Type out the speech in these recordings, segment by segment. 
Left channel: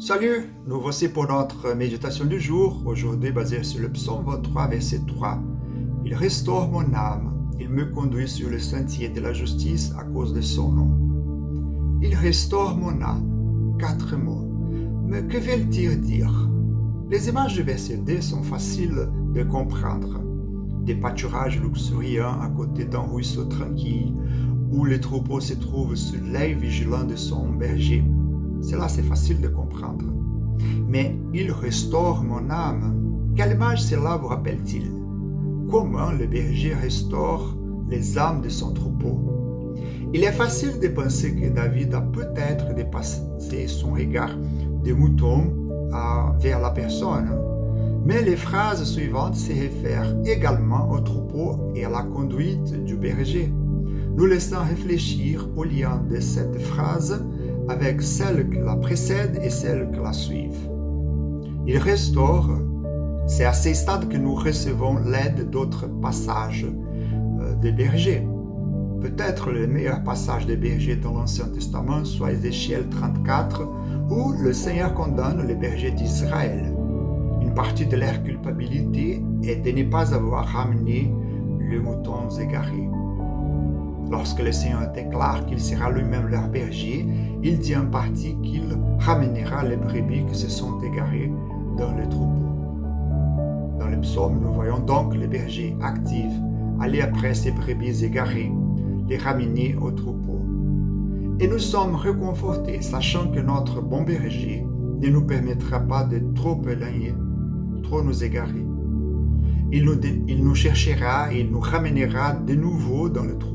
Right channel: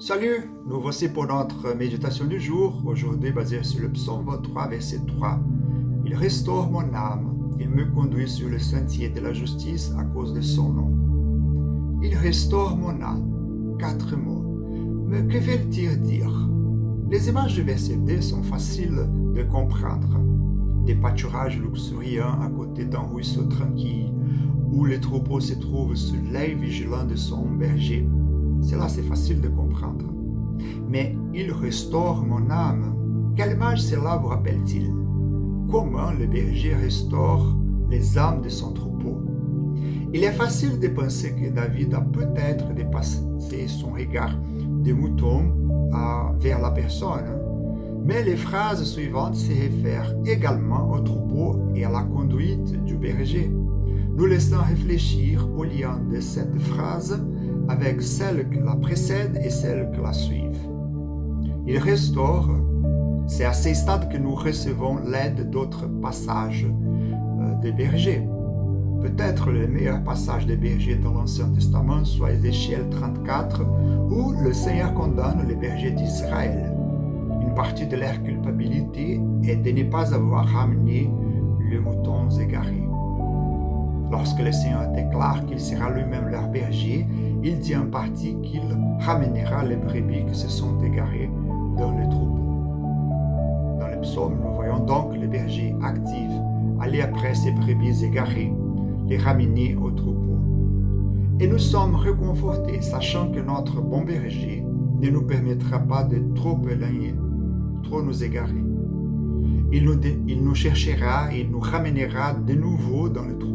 Salut, nous voici pour notre méditation du jour, aujourd'hui basée sur le psaume 23, verset 3. Il restaure mon âme, il me conduit sur le sentier de la justice à cause de son nom. Il restaure mon âme. 4 mots. Mais que veulent-ils dire? Les images du verset 2 sont faciles de comprendre. Des pâturages luxuriants à côté d'un ruisseau tranquille, où les troupeaux se trouvent sous l'œil vigilant de son berger. Cela, c'est facile de comprendre. Mais il restaure mon âme. Quelle image cela vous rappelle-t-il? Comment le berger restaure les âmes de son troupeau? Il est facile de penser que David a peut-être dépassé son regard de mouton vers la personne. Mais les phrases suivantes se réfèrent également au troupeau et à la conduite du berger. Nous laissons réfléchir au lien de cette phrase avec celle qui la précède et celle qui la suivent. Il restaure, c'est à ce stade que nous recevons l'aide d'autres passages des bergers. Peut-être le meilleur passage des bergers dans l'Ancien Testament soit Ézéchiel 34, où le Seigneur condamne les bergers d'Israël. Une partie de leur culpabilité est de ne pas avoir ramené les moutons égarés. Lorsque le Seigneur déclare qu'il sera lui-même leur berger, il dit en partie qu'il ramènera les brebis qui se sont égarées dans le troupeau. Dans le psaume, nous voyons donc les bergers actifs aller après ces brebis égarées, les ramener au troupeau. Et nous sommes réconfortés, sachant que notre bon berger ne nous permettra pas de trop éloigner, trop nous égarer. Il nous cherchera et il nous ramènera de nouveau dans le troupeau.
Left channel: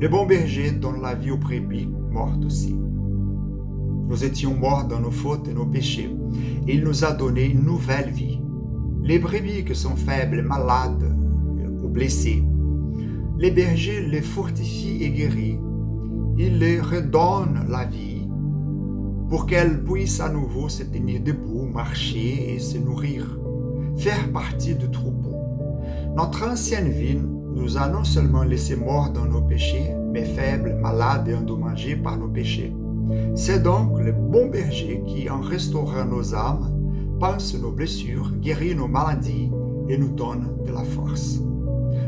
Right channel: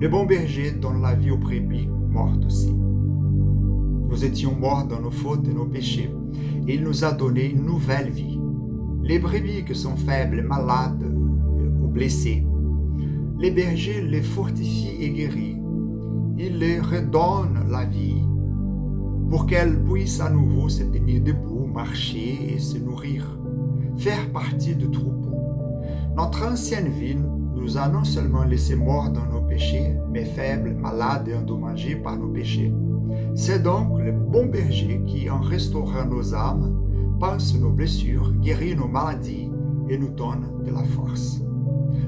Le bon berger donne la vie aux brebis mortes aussi. Nous étions morts dans nos fautes et nos péchés, et il nous a donné une nouvelle vie. Les brebis qui sont faibles, malades ou blessées, les bergers les fortifient et guérissent. Il les redonne la vie pour qu'elles puissent à nouveau se tenir debout, marcher et se nourrir, faire partie du troupeau. Notre ancienne vie nous a non seulement laissés morts dans nos péchés, mais faibles, malades et endommagés par nos péchés. C'est donc le bon berger qui, en restaurant nos âmes, pense nos blessures, guérit nos maladies et nous donne de la force.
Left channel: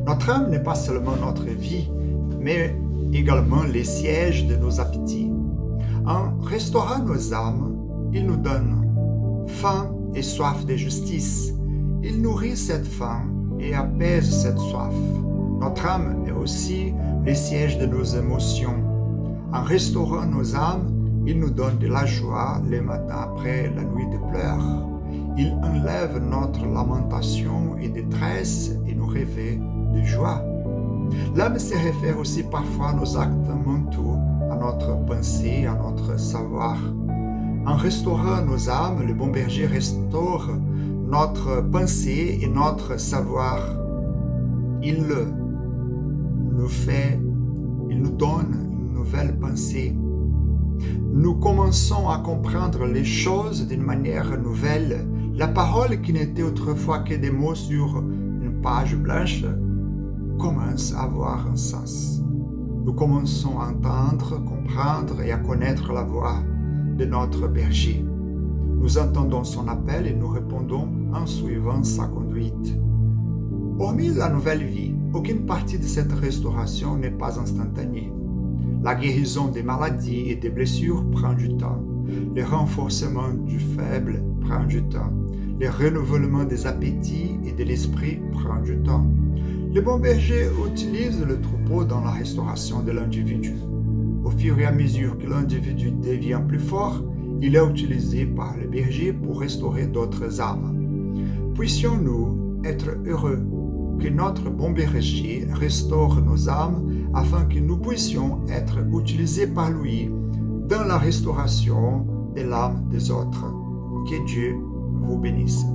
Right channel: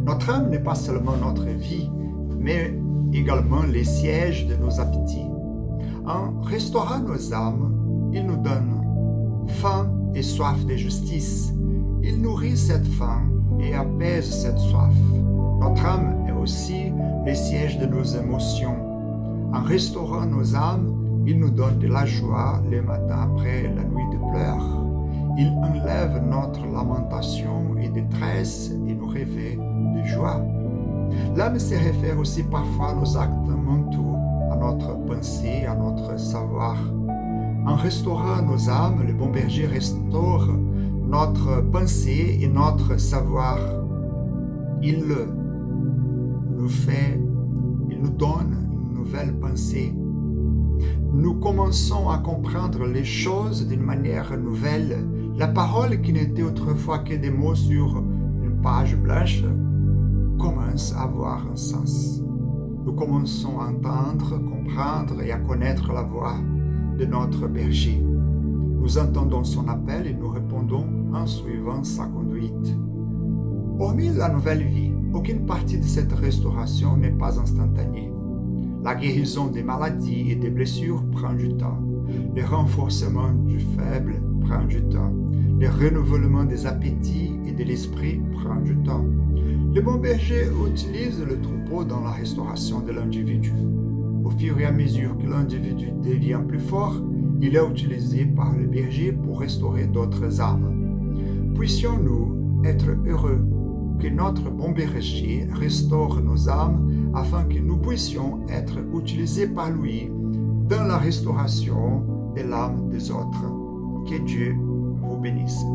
Notre âme n'est pas seulement notre vie, mais également les sièges de nos appétits. En restaurant nos âmes, il nous donne faim et soif de justice. Il nourrit cette faim et apaise cette soif. Notre âme est aussi le siège de nos émotions. En restaurant nos âmes, il nous donne de la joie le matin après la nuit de pleurs. Il enlève notre lamentation et détresse et nous réveille de joie. L'âme se réfère aussi parfois à nos actes mentaux, à notre pensée, à notre savoir. En restaurant nos âmes, le bon berger restaure notre pensée et notre savoir. Il nous donne une nouvelle pensée. Nous commençons à comprendre les choses d'une manière nouvelle. La parole qui n'était autrefois que des mots sur une page blanche commence à avoir un sens. Nous commençons à entendre, comprendre et à connaître la voix de notre berger. Nous entendons son appel et nous répondons en suivant sa conduite. Hormis la nouvelle vie, aucune partie de cette restauration n'est pas instantanée. La guérison des maladies et des blessures prend du temps. Le renforcement du faible prend du temps. Le renouvellement des appétits et de l'esprit prend du temps. Le bon berger utilise le troupeau dans la restauration de l'individu. Au fur et à mesure que l'individu devient plus fort, il est utilisé par le berger pour restaurer d'autres âmes. Puissions-nous être heureux que notre bon berger restaure nos âmes afin que nous puissions être utilisés par lui dans la restauration de l'âme des autres. Que Dieu vous bénisse.